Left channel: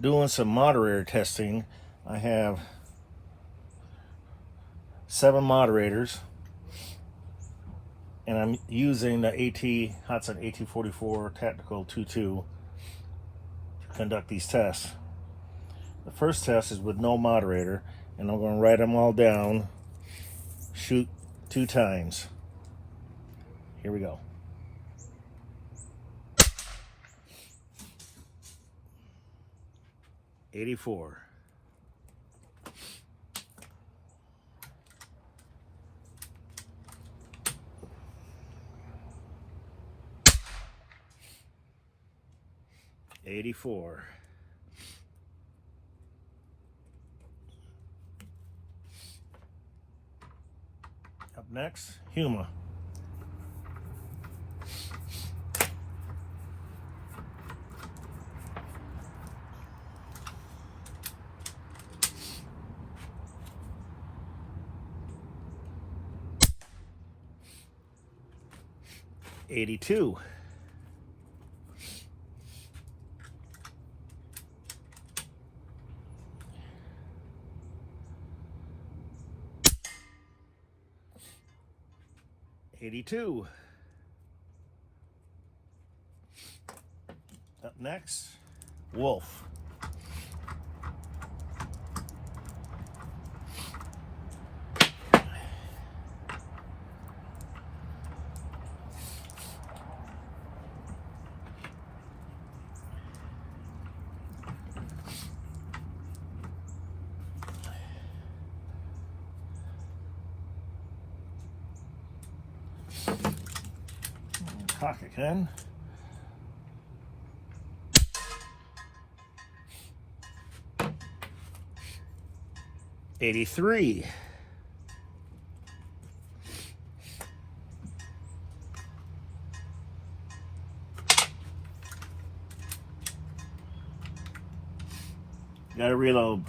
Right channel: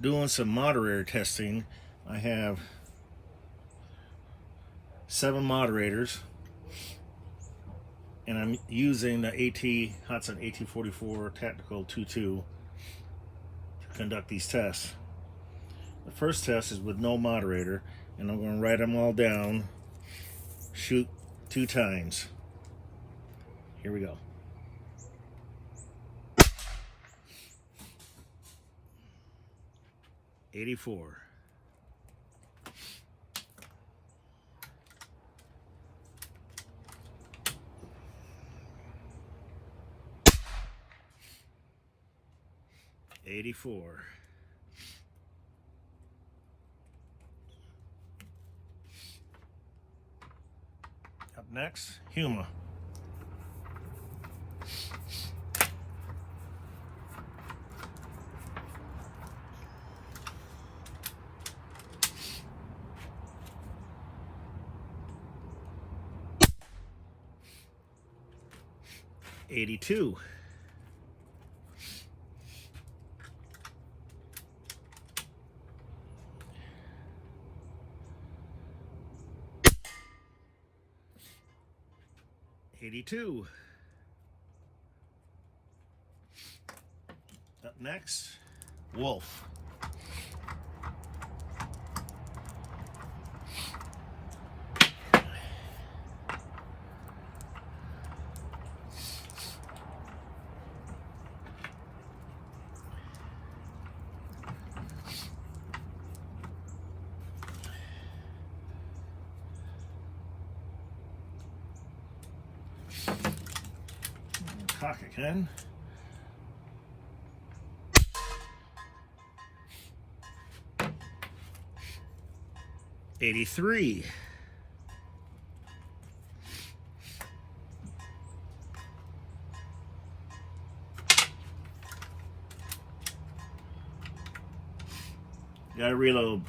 doing some moderator testing. I have 7 moderators, and I'm using the Hudson AT44 Tactical 2.2 to conduct these tests. The first test is with no moderator, and I'm going to write them all down, shoot 2 times. Here we go. $84. $84. Up next, Huma. $82. $82. Up next, Wolf. Cock again. $83. Gotta reload.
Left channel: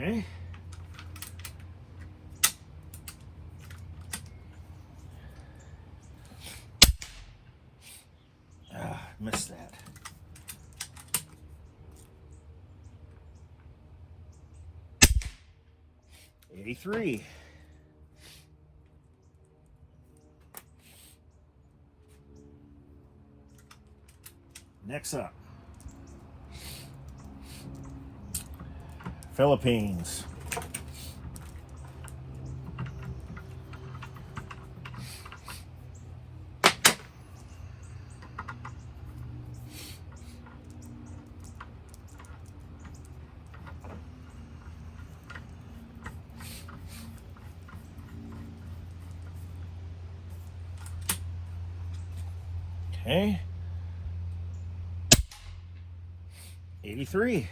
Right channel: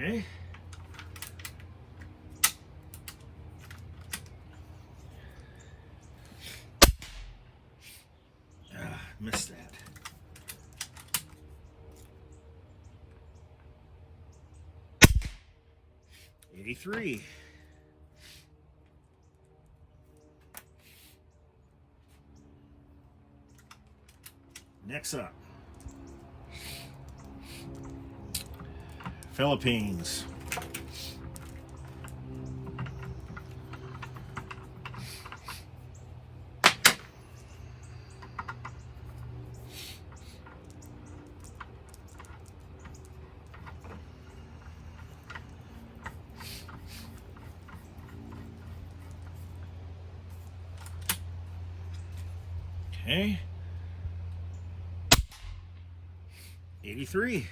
Okay. Missed that. $83. Next up, Philippines. Okay. 83.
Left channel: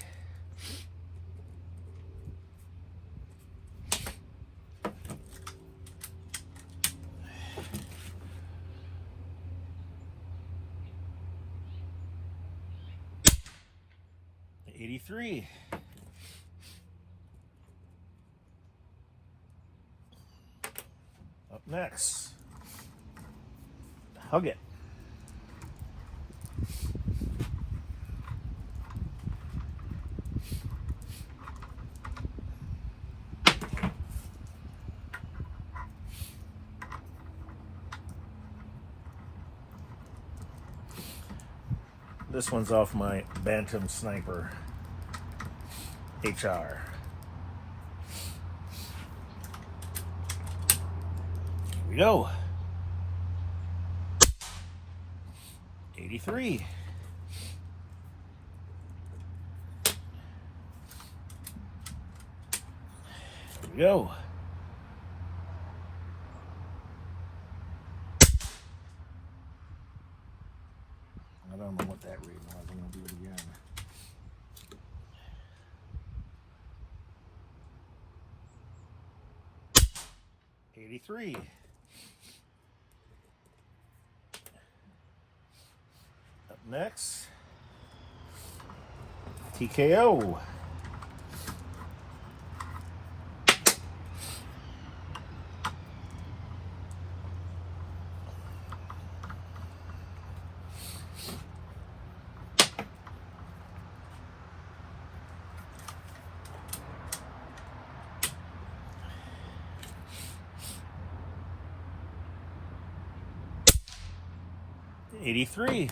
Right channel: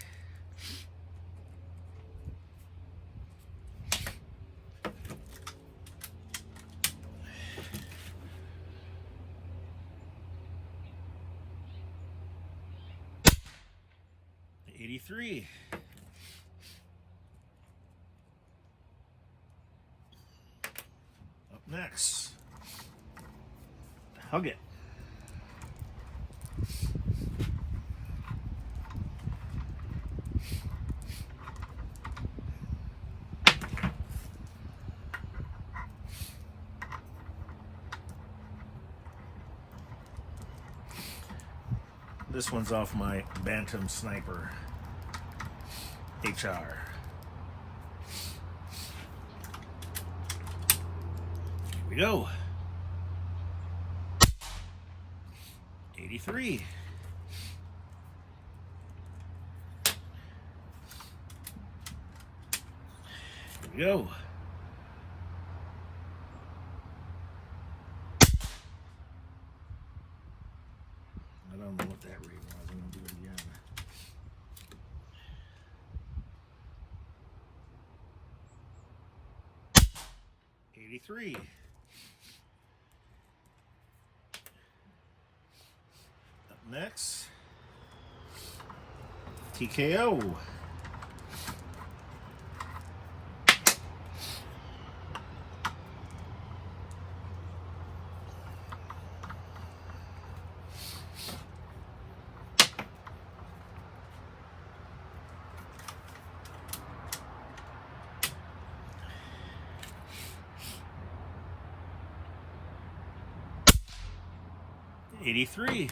$83. Up next, Hug It. This one's off my Bantam Sniper HR. Here we go. 83. Here we go. I don't know what that read was. I'm going to do it again. 84. 83. Up next, TKO. 83.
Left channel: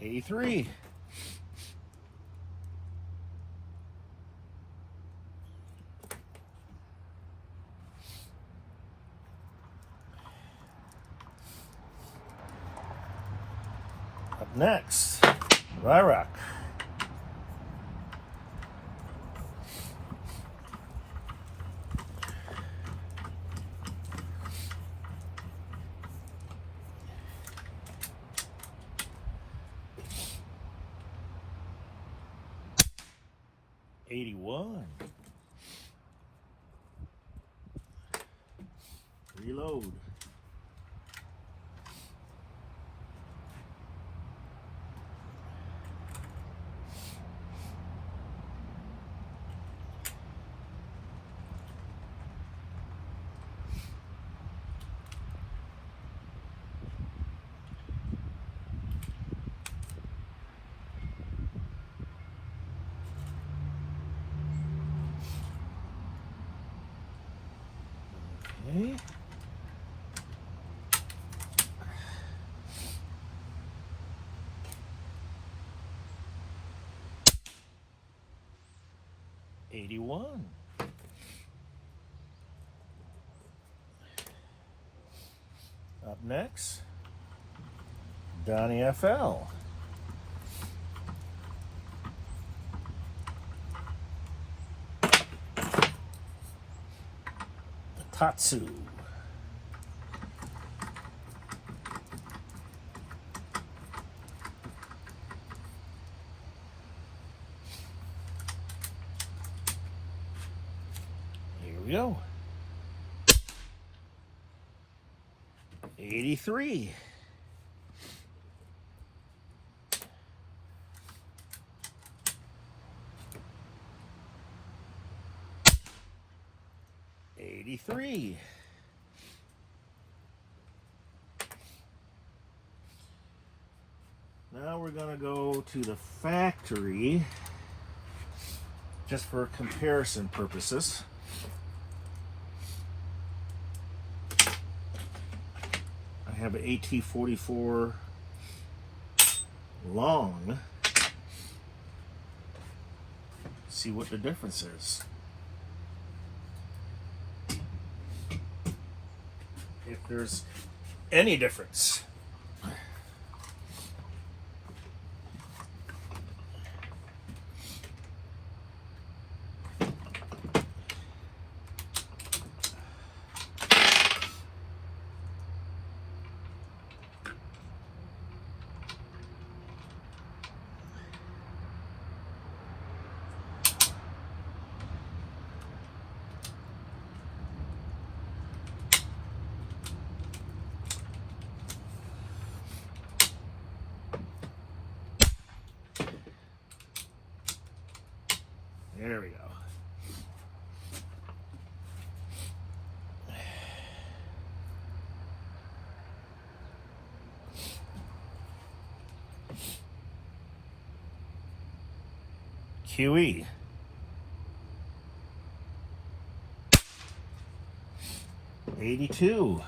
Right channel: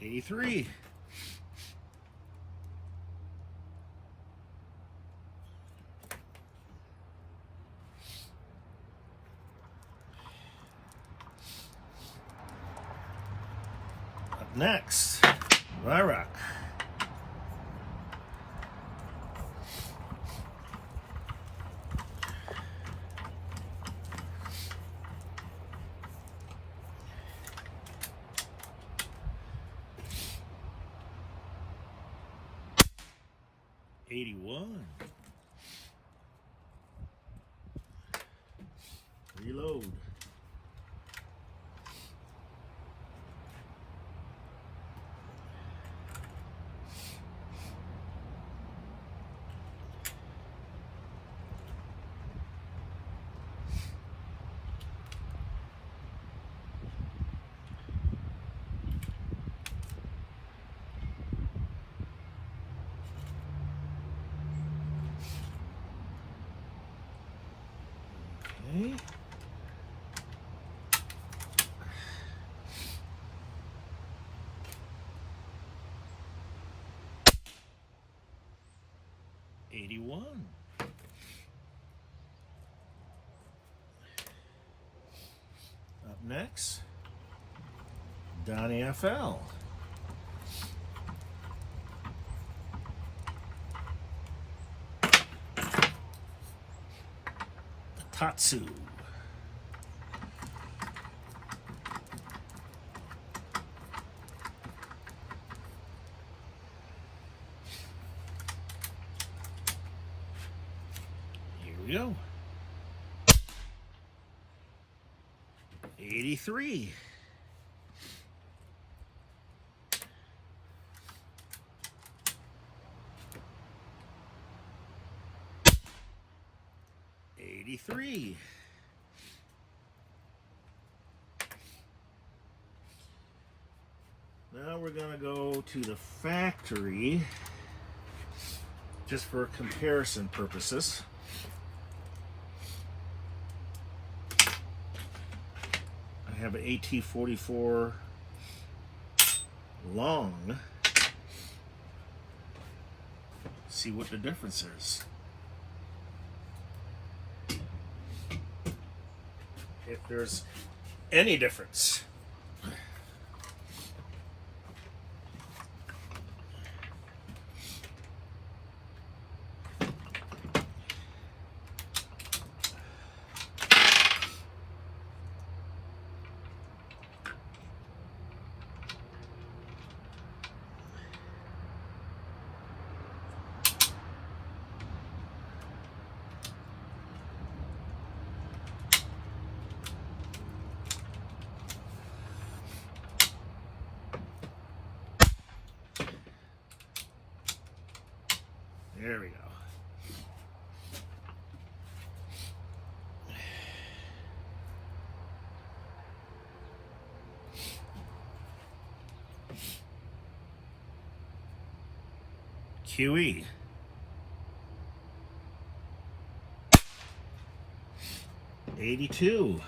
'83. Up next, Ryrock. 81. Reload. Okay. '81. Up next, Donnie FL. Tatsu. Here we go. 83. '83. Now we're going to go to the factory just for comparison purposes. I have an AT-44 long. See what the difference is. If there's any difference. There we go. QE. 82.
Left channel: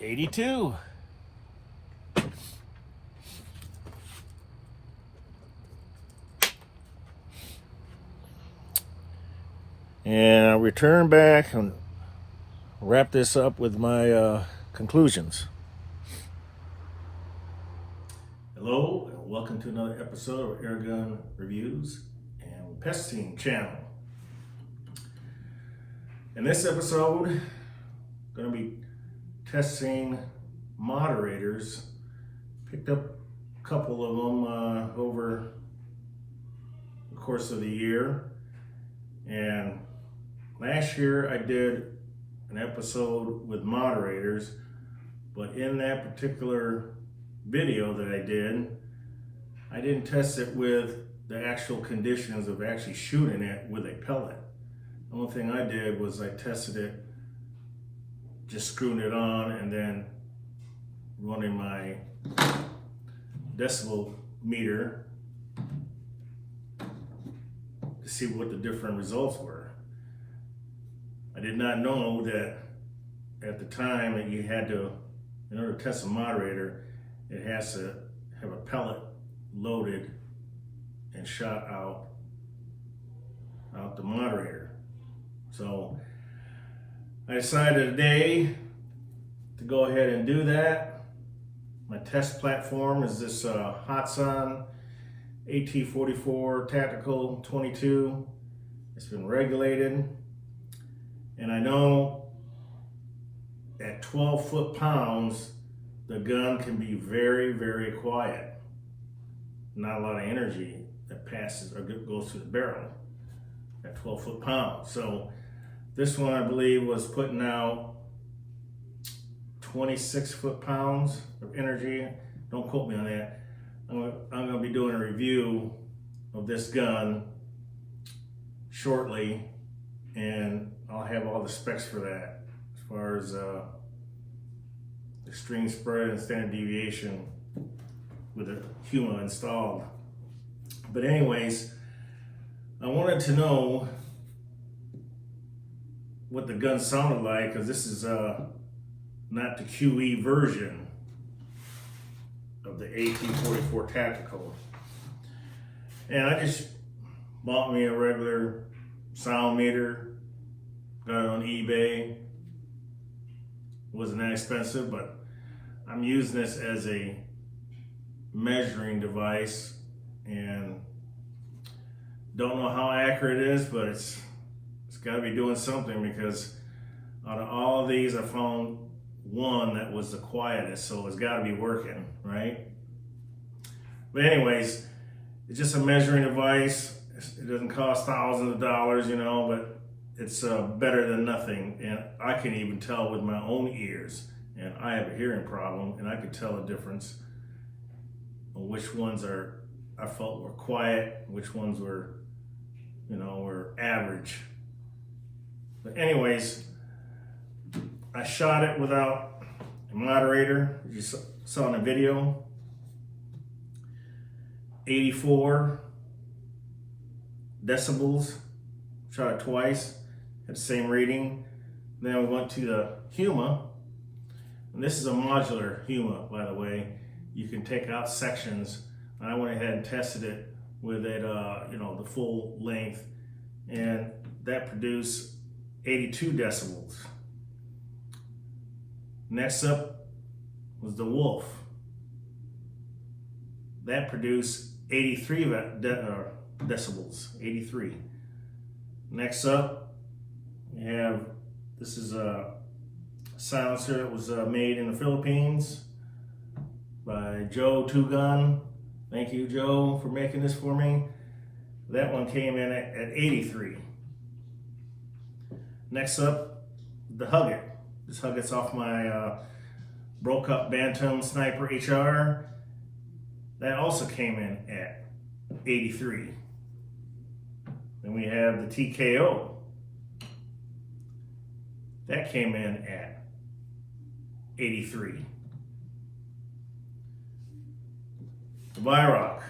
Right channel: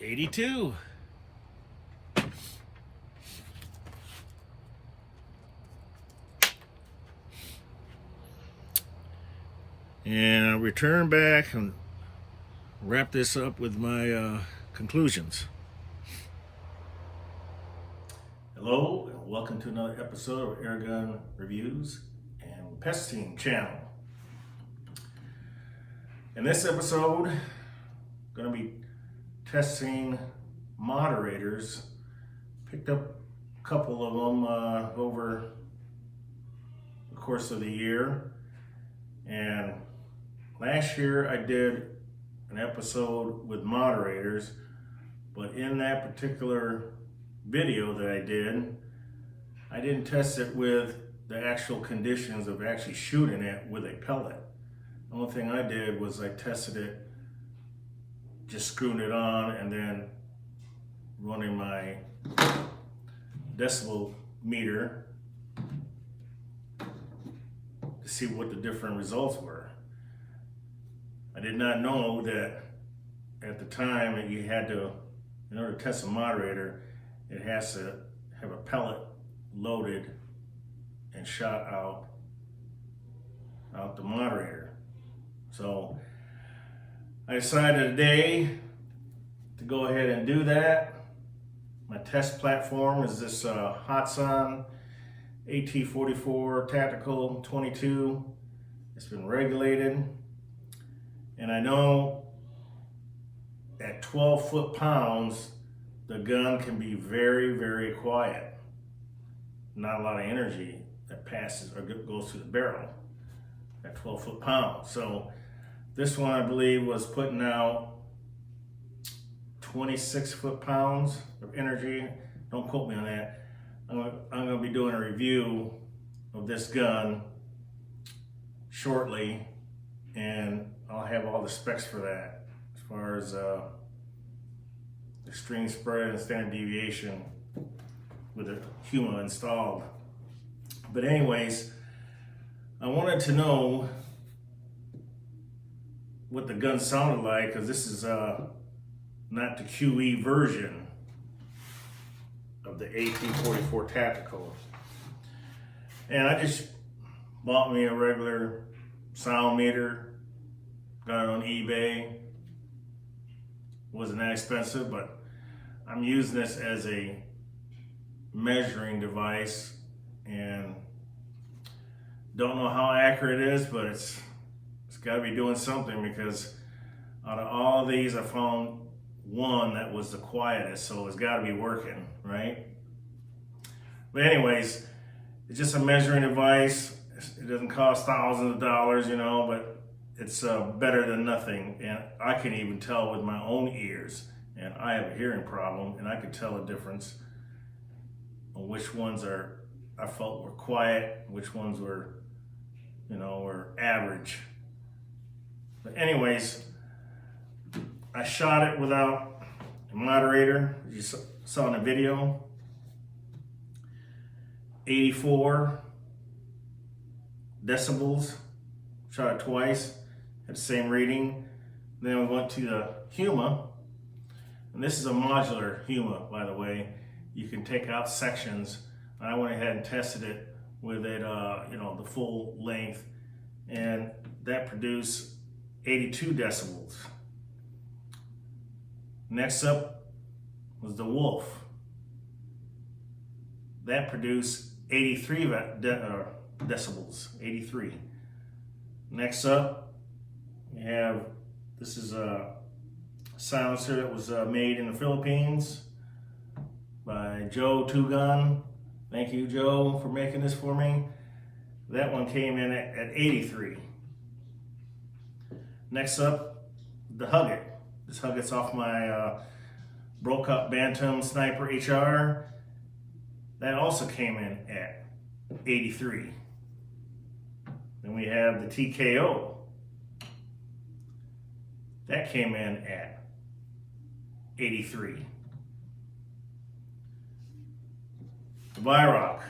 82. And I'll return back and wrap this up with my conclusions. Hello, and welcome to another episode of Airgun Reviews and Pesting Channel. In this episode, I'm going to be testing moderators. Picked up a couple of them over the course of the year. And last year I did an episode with moderators, but in that particular video that I didn't test it with the actual conditions of actually shooting it with a pellet. The only thing I did was I tested it, just screwing it on and then running my decibel meter to see what the different results were. I did not know that at the time that you had to, in order to test a moderator, it has to have a pellet loaded and shot out the moderator. So I decided today to go ahead and do that. My test platform is this Hatsan AT44 Tactical 22. It's been regulated, and I know at 12 foot-pounds the gun can be very, very quiet. Not a lot of energy that passes or goes through the barrel at 12 foot-pounds. So this one, I believe, was putting out 26 foot-pounds of energy. Don't quote me on that. I'm going to be doing a review of this gun shortly, and I'll have all the specs for that as far as extreme spread and standard deviation with a Huma installed. But anyways, I wanted to know what the gun sounded like, because this is not the QE version of the AT44 Tactical. And I just bought me a regular sound meter, got it on eBay. It wasn't that expensive, but I'm using this as a measuring device, and don't know how accurate it is, but it's got to be doing something, because out of all of these I found one that was the quietest, so it's got to be working, right? But anyways, it's just a measuring device. It doesn't cost thousands of dollars, you know, but it's better than nothing. And I can even tell with my own ears, and I have a hearing problem, and I could tell a difference on which ones I felt were quiet, which ones were, you know, were average. But anyways, I shot it without a moderator, as you saw in the video. 84 decibels, shot it twice, had the same reading. Then we went to the Huma, and this is a modular Huma, by the way. You can take out sections, and I went ahead and tested it with it, you know, the full length, and that produced 82 decibels. Next up was the Wolf. That produced 83 decibels, 83. Next up, we have, this is a silencer that was made in the Philippines by Joe Two Gun. Thank you, Joe, for making this for me. That one came in at 83. Next up, the Hugget. This Hugget's off my broke up Bantam Sniper HR. That also came in at 83. Then we have the TKO. That came in at 83. The Vyrock.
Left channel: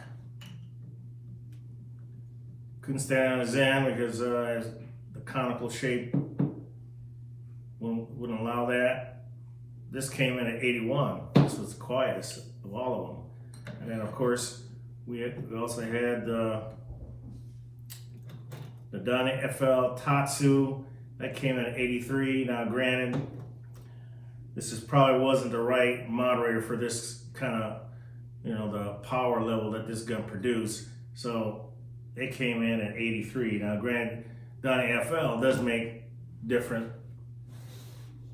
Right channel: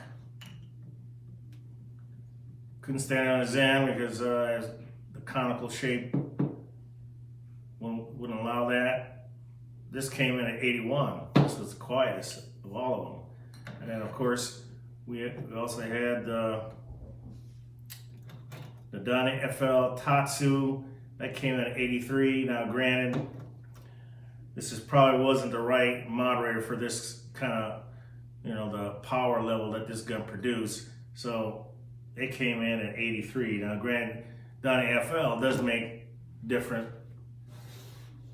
Couldn't stand on his end because the conical shape wouldn't allow that. This came in at 81. This was the quietest of all of them. And then of course, we also had the Donnie FL Tatsu That came in at 83. Now granted, this probably wasn't the right moderator for this kind of, you know, the power level that this gun produced. So it came in at 83. Now granted, Donnie FL does make different,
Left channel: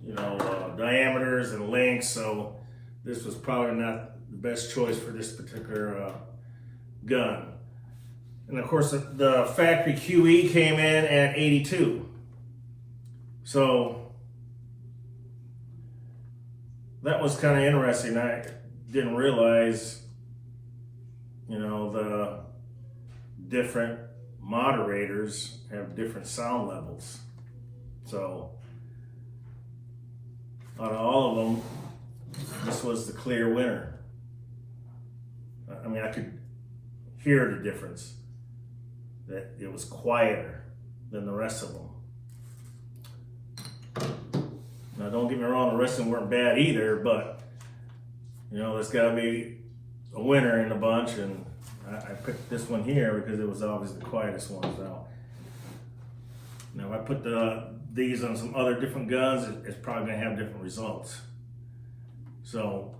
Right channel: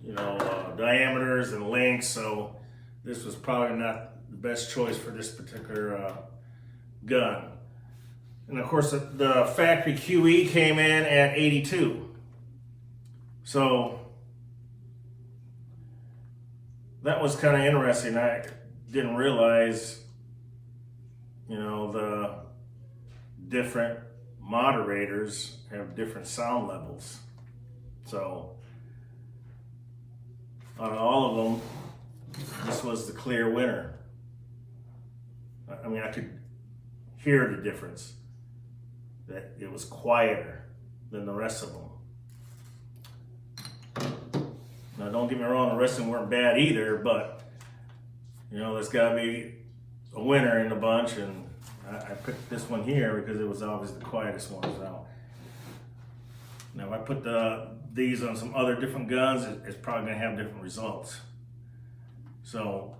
you know, diameters and lengths, so this was probably not the best choice for this particular gun. And of course, the factory QE came in at 82. So that was kind of interesting. I didn't realize, you know, the different moderators have different sound levels. So out of all of them, this was the clear winner. I mean, I could hear the difference, that it was quieter than the rest of them. Now, don't get me wrong, the rest of them weren't bad either, but, you know, there's got to be a winner in the bunch, and I picked this one here because it was obviously the quietest one. So now if I put these on some other different guns, it's probably going to have different results. So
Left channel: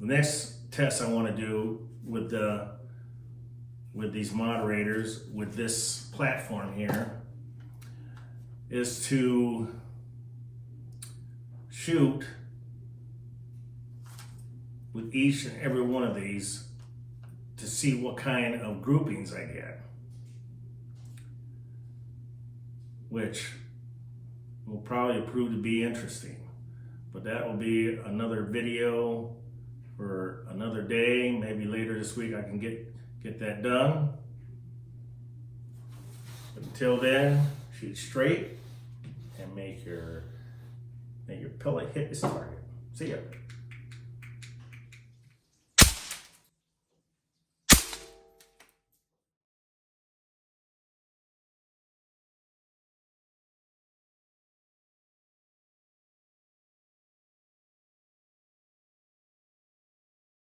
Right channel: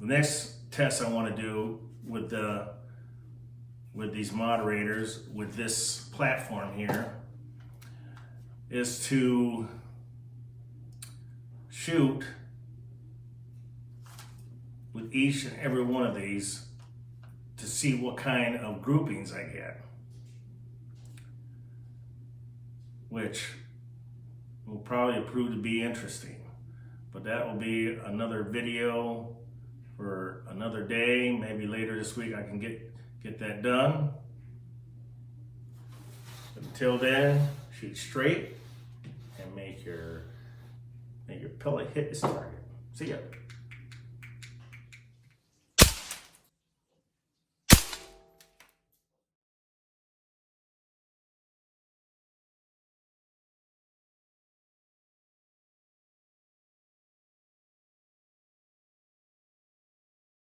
the next test I want to do with these moderators, with this platform here, is to shoot with each and every one of these to see what kind of groupings I get, which will probably prove to be interesting. But that will be another video for another day. Maybe later this week I can get that done. But until then, shoot straight and make your pellet hit its target. See ya.